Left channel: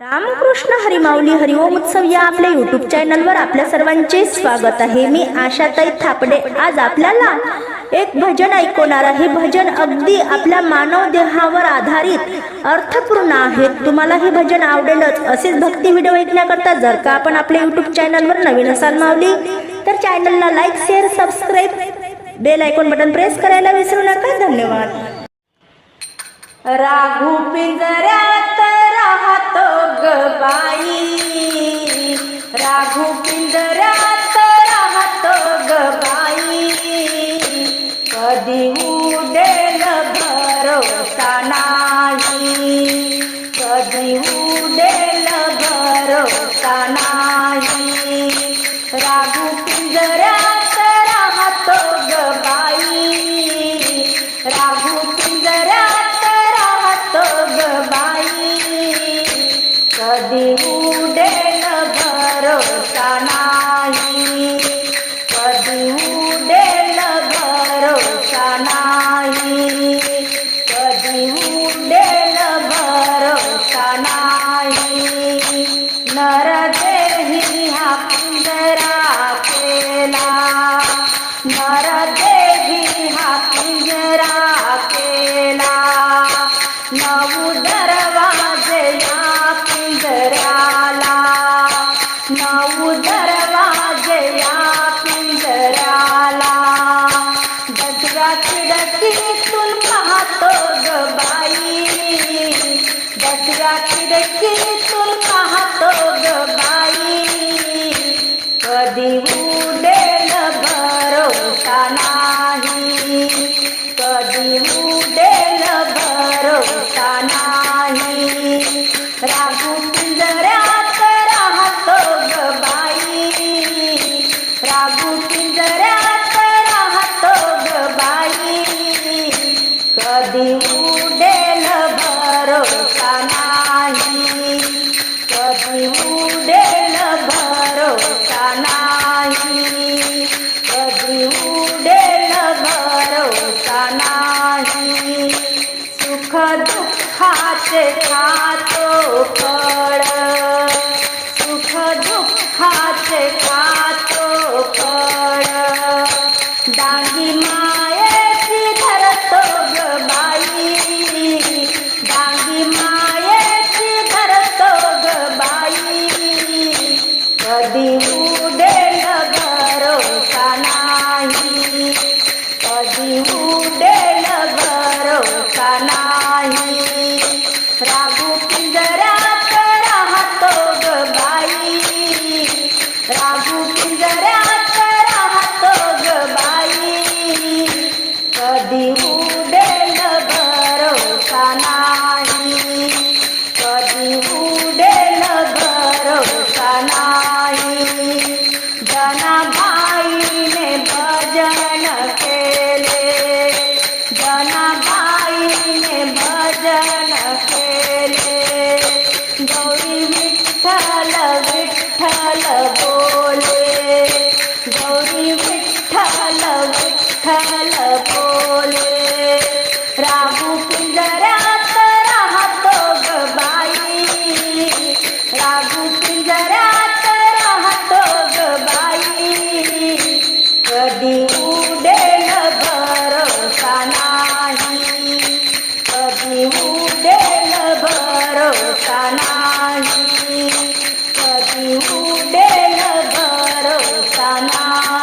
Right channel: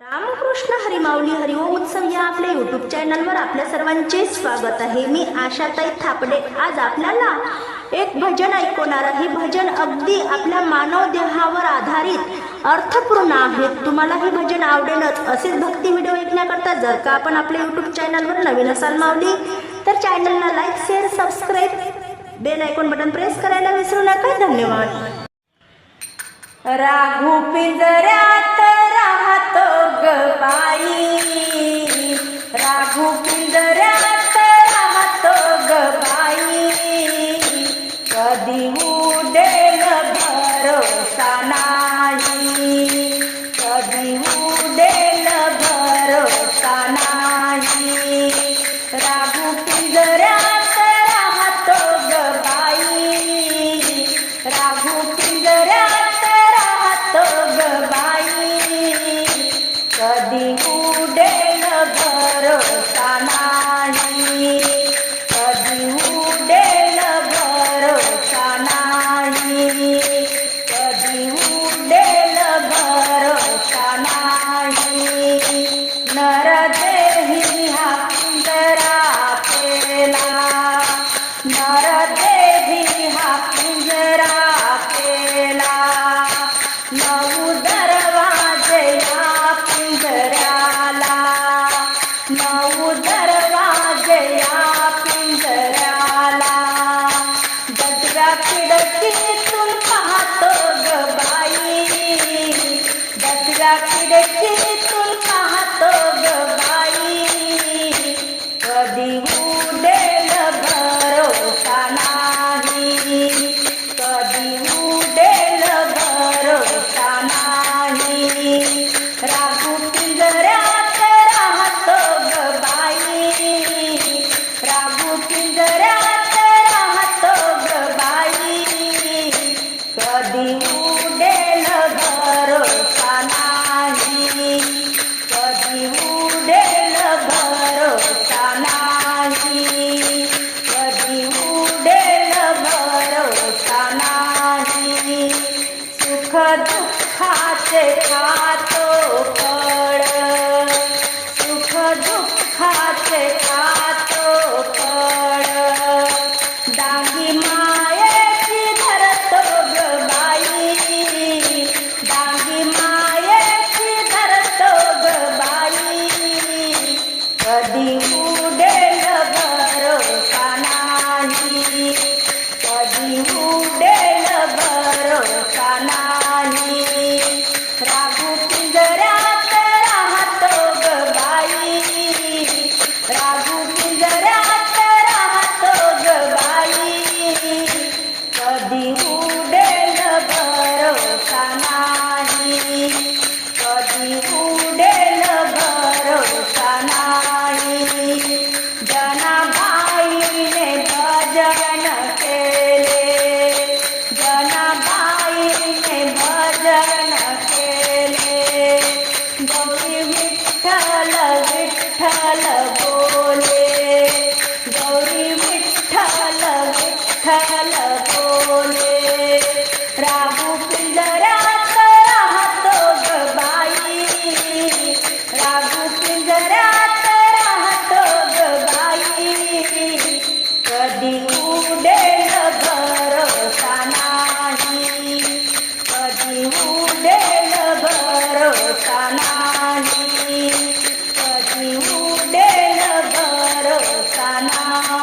रामकृष्ण हरिमाऊली हरिओम उत्सव या आपल्या यूट्यूब चॅनलवर आपल्या सर्वांचे स्वागत आहे. मी आशाताई थापडे. आज आपल्याला एक भजन ऐकवणार आहे. भजन अगदी आपल्या मानव देहावर आधारित अर्थपूर्ण आहे. तुम्हाला हे भजन आवडेलच. असेच भक्ती व्हिडिओ ऐकण्याकरता जर का आपण आपल्या यूट्यूब चॅनलवर नवीन असाल मावली तर चॅनलला like share subscribe bell icon button press करायला विसरू नका. धन्यवाद. राघू पिंजऱ्यात राहतो ग बाई. राघू पिंजऱ्यात राहत ग बाई. कधी उडेल भरोसा नाही. कधी उडेल भरोसा नाही. राघू पिंजऱ्यात राहत ग बाई. राघू पिंजऱ्यात राहत ग बाई. कधी उडेल भरोसा नाही? कधी उडेल भरोसा नाही? कधी या पिंजऱ्याला दसव्या खिडकीतून पाहतो ग बाई। दसव्या खिडकीतून पाहतो ग बाई। कधी राघू पिंजरात राहतो ग बाई. कधी उडेल भरोसा नाही. कधी उडेल भरोसा नाही. कधी उडेल भरोसा नाही. सुख दुःखाचे खातो फळ. सुख दुःखाचे खा डांगी मायेची धरतो ग बाई. डांगी मायेची धरतो ग बाई. कधी उडेल भरोसा नाही. कधी उडेल भरोसा नाही. राघू पिंजऱ्यात कधी उडेल भरोसा नाही। जनाबाईने भजन केले। जनाबाईने भजन केले। गौरी विठ्ठल विठ्ठल बोले। गौरी विठ्ठल विठ्ठल बोले। राहू राहू पिंजऱ्यात राहतो ग बाई. कधी उडेल भरोसा नाही. कधी उडेल भरोसा नाही. कधी उडेल भरोसा नाही.